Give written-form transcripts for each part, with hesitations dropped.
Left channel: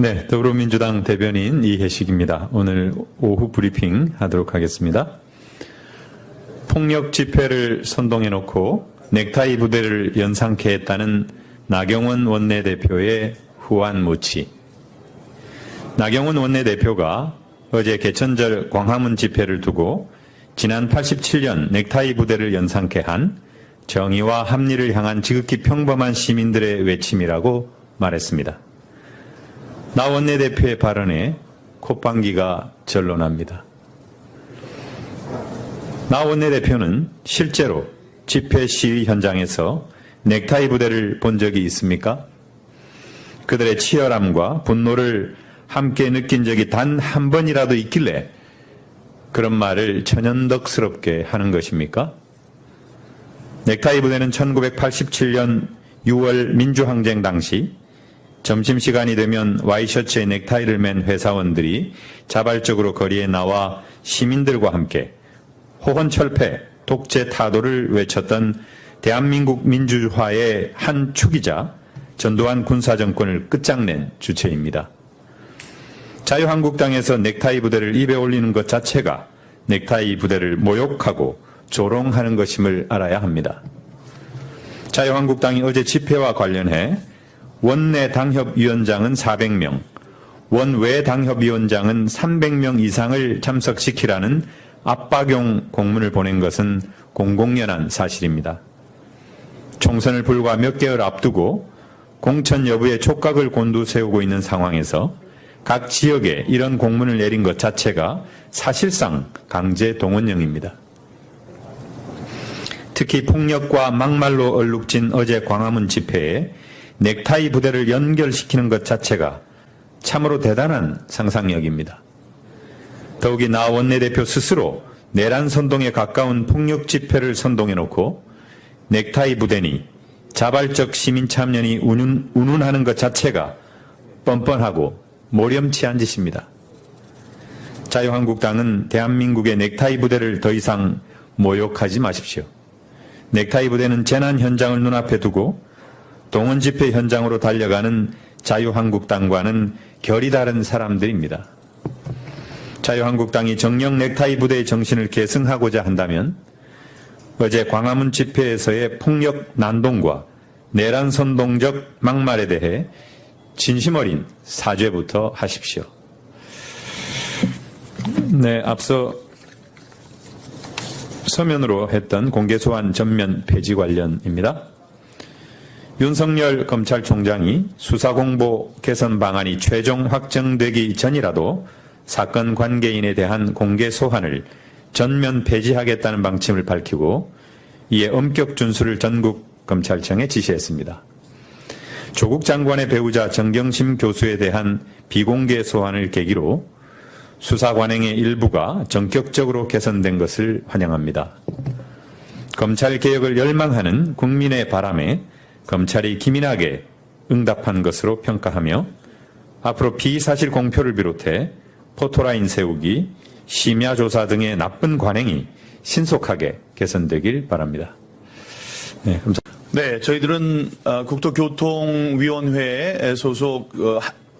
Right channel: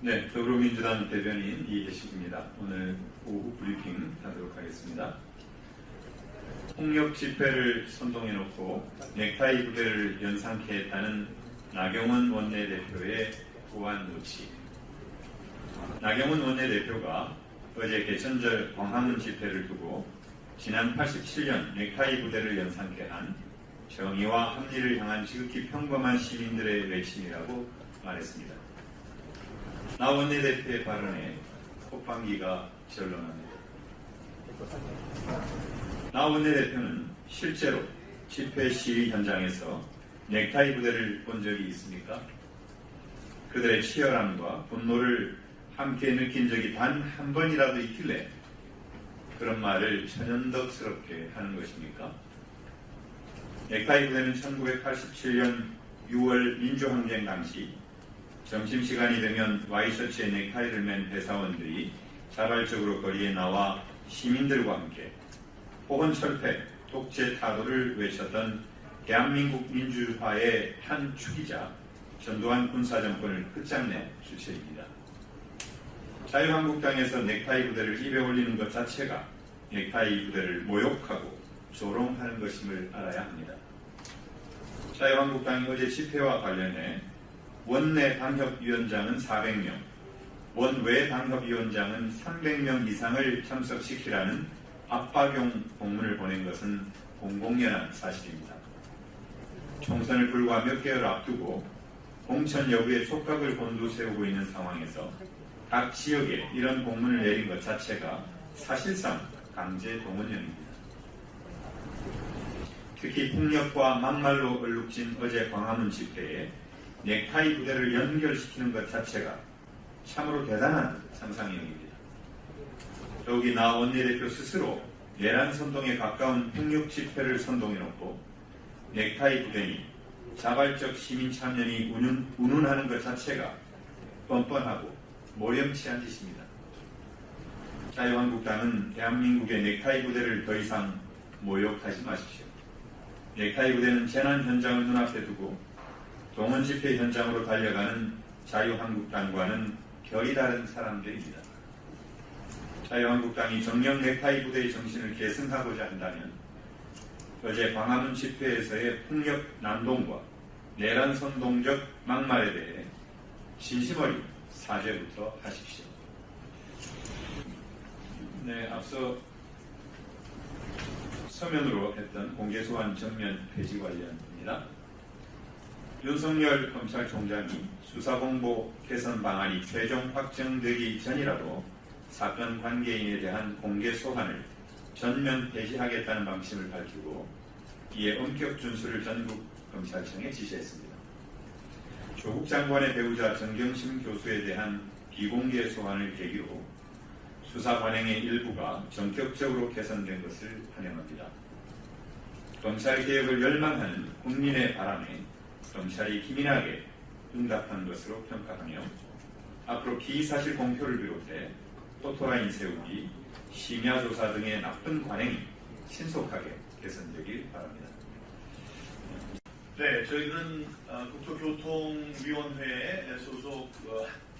네, 더불어민주당 대변인 이혜식입니다. 오늘 오후 브리핑 하도록 하겠습니다. 폭력 집회를 선동해놓고 넥타이 부대를 연상케 했다는 나경원 원내대표의 후안무치. 나경원 원내대표가 어제 개천절 광화문 집회를 두고 지난 87년 넥타이 부대를 연상케 한 정의와 합리를 향한 지극히 평범한 시민들의 외침이라고 말했습니다. 나 원내대표의 발언에 콧방귀가 절로 납니다. 나 원내대표는 실제로 집회 시위 현장에서 넥타이 부대를 본 적이 있습니까? 그들의 치열함과 분노를 함께 느낀 적이 단 한 번이라도 있길래 그런 말을 천연덕스럽게 하는 것입니까? 넥타이 부대는 1987년 6월 민주항쟁 당시 점심시간이 되면 와이셔츠에 넥타이를 맨 회사원들이 자발적으로 거리에 나와 시민들과 함께 호헌철폐, 독재 타도를 외쳤던 대한민국 민주화의 한 축이자 전두환 군사정권을 끝장낸 주체입니다. 자유한국당에서 넥타이 부대를 입에 올리는 것 자체가 넥타이 부대를 모욕하고 조롱하는 것임을 알아야 합니다. 자유한국당이 어제 집회와 관련해 원내 당협위원장은 400명, 원외 당협위원장은 300명 이상을 참석시키라는 압박용 공문을 보낸 것은 공공연한 사실입니다. 총선을 불과 몇 개월 앞두고 공천 여부에 촉각을 곤두세우고 있는 상황에서 각 지역에 이런 공문을 내린 것 자체가 사실상 강제 동원령입니다. 특히 폭력과 막말로 얼룩진 어제 광화문 집회에 넥타이 부대를 연결시키는 것 자체가 참으로 대단한 상상력입니다. 더욱이 나 원내대표 스스로 내란 선동에 가까운 폭력 집회를 선동해놓고 넥타이 부대니 자발적 시민 참여니 운운하는 것 자체가 뻔뻔하고 모렴치한 짓입니다. 자유한국당은 대한민국의 넥타이 부대를 더 이상 모욕하지 마십시오. 넥타이 부대는 재난 현장을 눈앞에 두고 동원 집회 현장으로 달려가는 자유한국당과는 결이 다른 사람들입니다. 자유한국당이 정령 넥타이 부대의 정신을 계승하고자 한다면 어제 광화문 집회에서의 폭력 난동과 내란 선동적 막말에 대해 진심 어린 사죄부터 하십시오. 네, 앞서 서면으로 했던 공개소환 전면 폐지 관련입니다. 윤석열 검찰총장이 수사공보 개선 방안이 최종 확정되기 전이라도 사건 관계인에 대한 공개 소환을 전면 폐지하겠다는 방침을 밝히고 이에 엄격 준수를 전국 검찰청에 지시했습니다. 조국 장관의 배우자 정경심 교수에 대한 비공개 소환을 계기로 수사 관행의 일부가 전격적으로 개선된 것을 환영합니다. 검찰 개혁을 열망하는 국민의 바람에 검찰이 기민하게 응답한 것으로 평가하며 앞으로 비사실 공표를 비롯해 포토라인 세우기, 심야 조사 등의 나쁜 관행이 신속하게 개선되길 바랍니다. 네, 감사합니다. 네, 저희들은 국토교통위원회 소속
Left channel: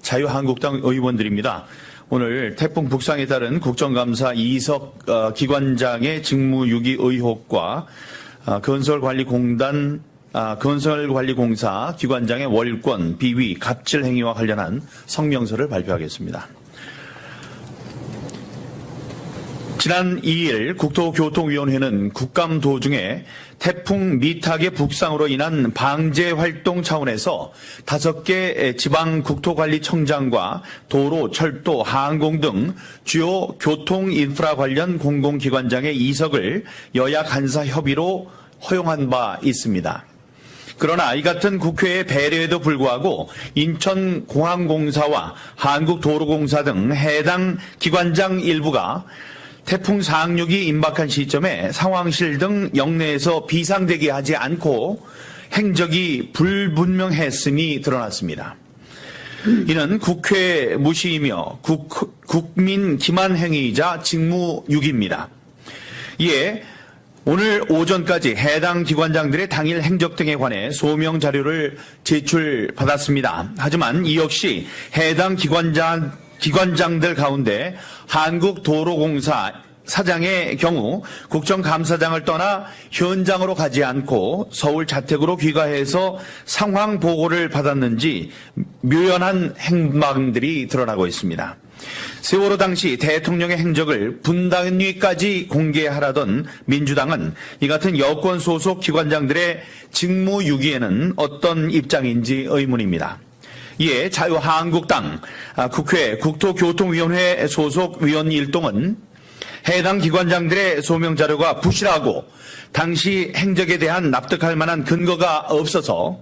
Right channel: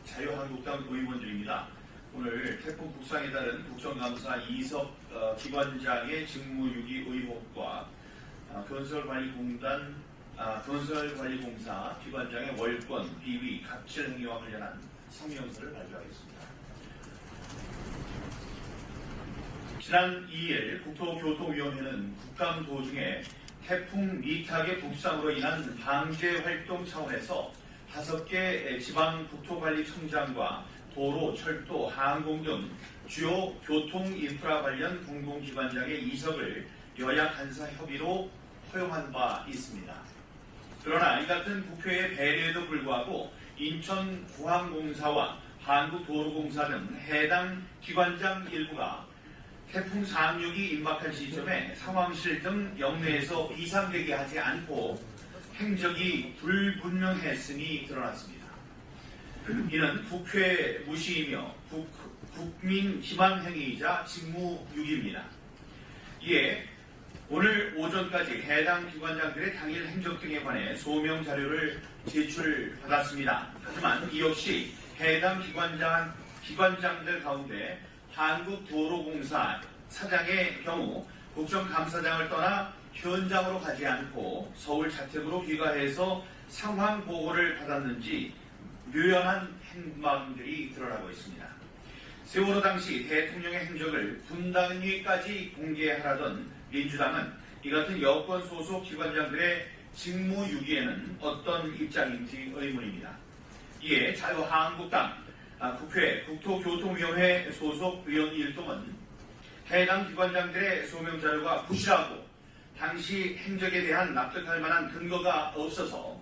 자유한국당 의원들입니다. 오늘 태풍 북상에 따른 국정감사 이석 기관장의 직무유기 의혹과 건설관리공사 기관장의 월권, 비위, 갑질 행위와 관련한 성명서를 발표하겠습니다. 지난 2일 국토교통위원회는 국감 도중에 태풍 미탁의 북상으로 인한 방제 활동 차원에서 5개 지방국토관리청장과 도로, 철도, 항공 등 주요 교통 인프라 관련 공공기관장의 이석을 여야 간사 협의로 허용한 바 있습니다. 그러나 이 같은 국회의 배려에도 불구하고 인천공항공사와 한국도로공사 등 해당 기관장 일부가 태풍 상륙이 임박한 시점에 상황실 등 영내에서 비상대기하지 않고 행적이 불분명했음이 드러났습니다. 이는 국회 무시이며 국민 기만 행위이자 직무유기입니다. 이에 오늘 오전까지 해당 기관장들의 당일 행적 등에 관해 소명 자료를 제출받았습니다. 하지만 이 역시 해당 기관장들 가운데 한국도로공사 사장의 경우 국정감사장을 떠나 현장으로 가지 않고 서울 자택으로 귀가해서 상황 보고를 받았는지 묘연한 행방들이 드러나고 있습니다. 세월호 당시 대통령의 행적을 분단위까지 공개하라던 민주당은 이 같은 여권 소속 기관장들의 직무유기에는 어떤 입장인지 의문입니다. 이에 자유한국당 국회 국토교통위원회 소속 위원 일동은 해당 기관장들의 소명 자료가 부실하고 당시 행적에 대한 납득할 만한 근거가 없어서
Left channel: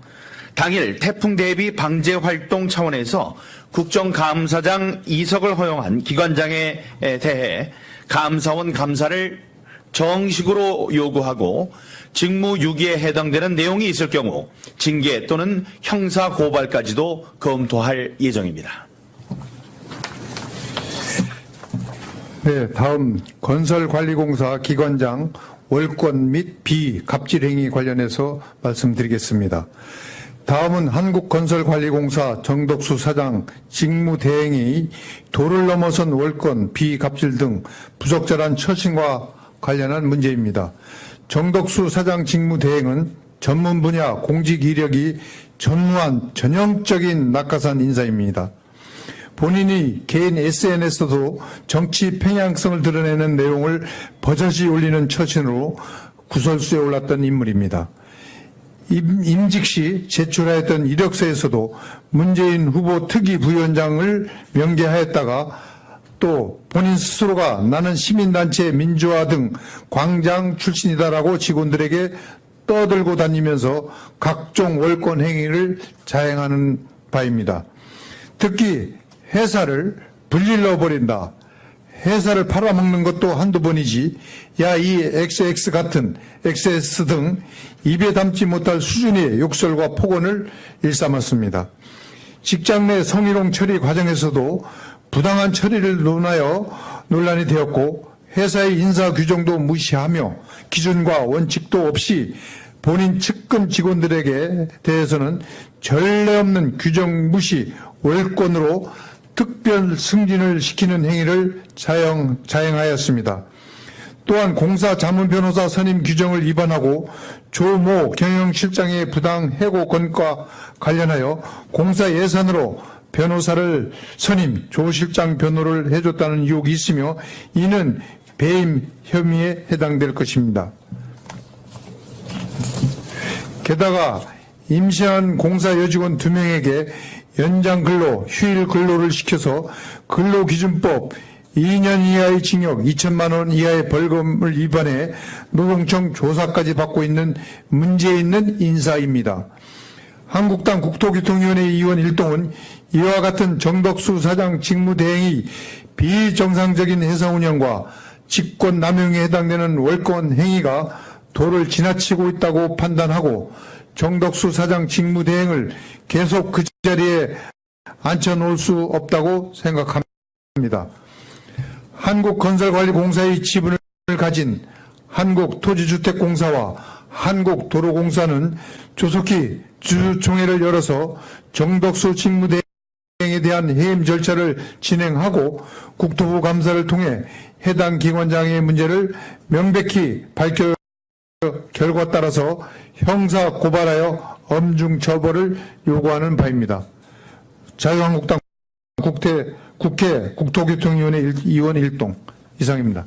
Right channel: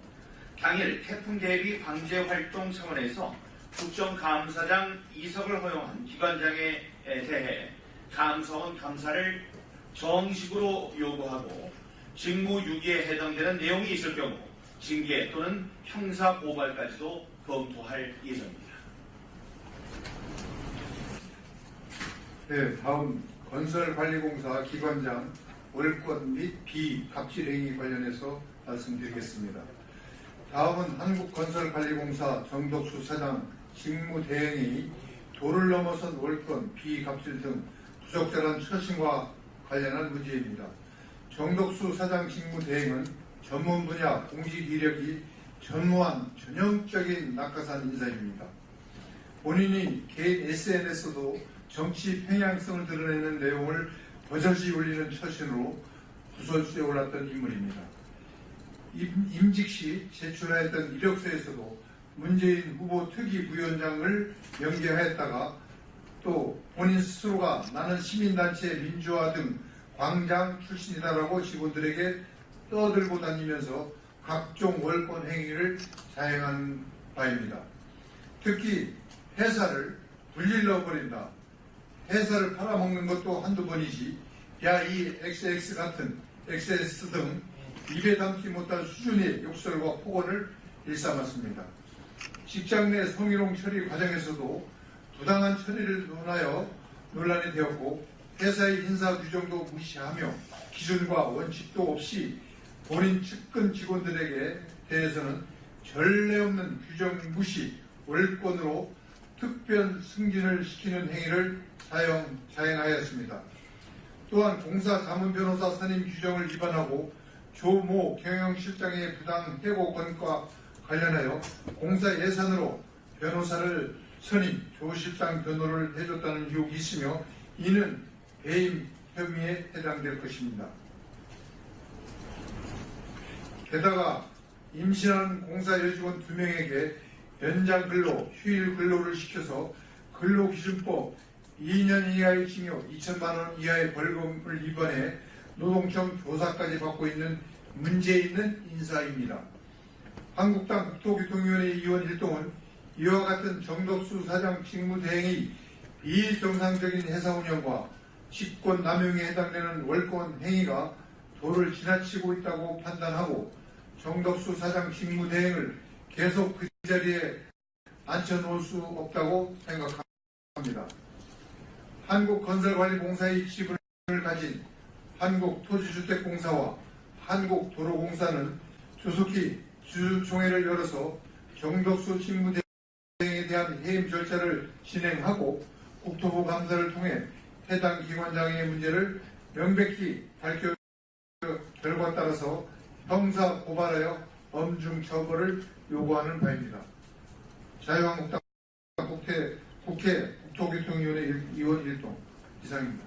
당일 태풍 대비 방제 활동 차원에서 국정감사장 이석을 허용한 기관장에 대해 감사원 감사를 정식으로 요구하고 직무유기에 해당되는 내용이 있을 경우 징계 또는 형사 고발까지도 검토할 예정입니다. 네, 다음 건설관리공사 기관장 월권 및 비갑질행위 관련해서 말씀드리겠습니다. 다음은 한국건설관리공사 정덕수 사장 직무대행이 도를 넘어선 월권, 비갑질 등 부적절한 처신과 관련한 문제입니다. 정덕수 사장 직무대행은 전문 분야 공직 이력이 전무한 전형적인 낙하산 인사입니다. 본인이 개인 SNS도 정치 편향성을 드러내는 내용을 버젓이 올리는 처신으로 구설수에 올랐던 인물입니다. 임직 시 제출하였던 이력서에서도 문재인 후보 특위 부위원장을 명기하였다가 또 본인 스스로가 나는 시민단체 민주화 등 광장 출신이다라고 직원들에게 떠들고 다니면서 각종 월권 행위를 자행하는 바입니다. 특히 회사를 불질러 버린다. 회사를 팔아먹는 것도 한두 번이지. 야, 이 XX 같은 XS 등 입에 담지 못할 수준의 욕설과 폭언을 일삼았습니다. 직장 내 성희롱 처리 과정에서도 부당한 처리를 논하여 논란이 되었고 회사의 인사 규정도 무시하며 기준과 원칙도 없이 본인 측근 직원들에게 대해서는 전례 없는 규정 무시 월권으로 특별 승진을 시키는 행위를 자행하였습니다. 또한 공사 자문 변호사 선임 규정을 위반하고 조모 경영실장의 부당 해고 건과 관련하여 공사 예산으로 변호사를 선임, 조 실장 변호를 해줬다는 의혹이 있으며 이는 배임 혐의에 해당될 것입니다. 게다가 임시한 공사 여직원 2명에게 연장 근로, 휴일 근로를 시켜서 근로기준법 2년 이하의 징역 2천만 원 이하의 벌금을 위반해 노동청 조사까지 받고 있는 문제 있는 인사입니다. 한국당 국토교통위원회 의원 일동은 이와 같은 정덕수 사장 직무대행이 비정상적인 회사 운영과 직권 남용에 해당되는 월권 행위가 도를 지나치고 있다고 판단하고 정덕수 사장 직무대행을 계속 그 자리에 앉혀놓을 수 없다고 생각합니다. 한국건설관리공사의 지분을 가진 한국토지주택공사와 한국도로공사는 조속히 주주총회를 열어서 정덕수 직무대행에 대한 해임 절차를 진행하고 국토부 감사를 통해 해당 기관장의 문제를 명백히 밝혀 결과 따라서 형사 고발하여 엄중 처벌을 요구하는 바입니다. 자유한국당 국회 국토교통위원회 의원 일동 이상입니다.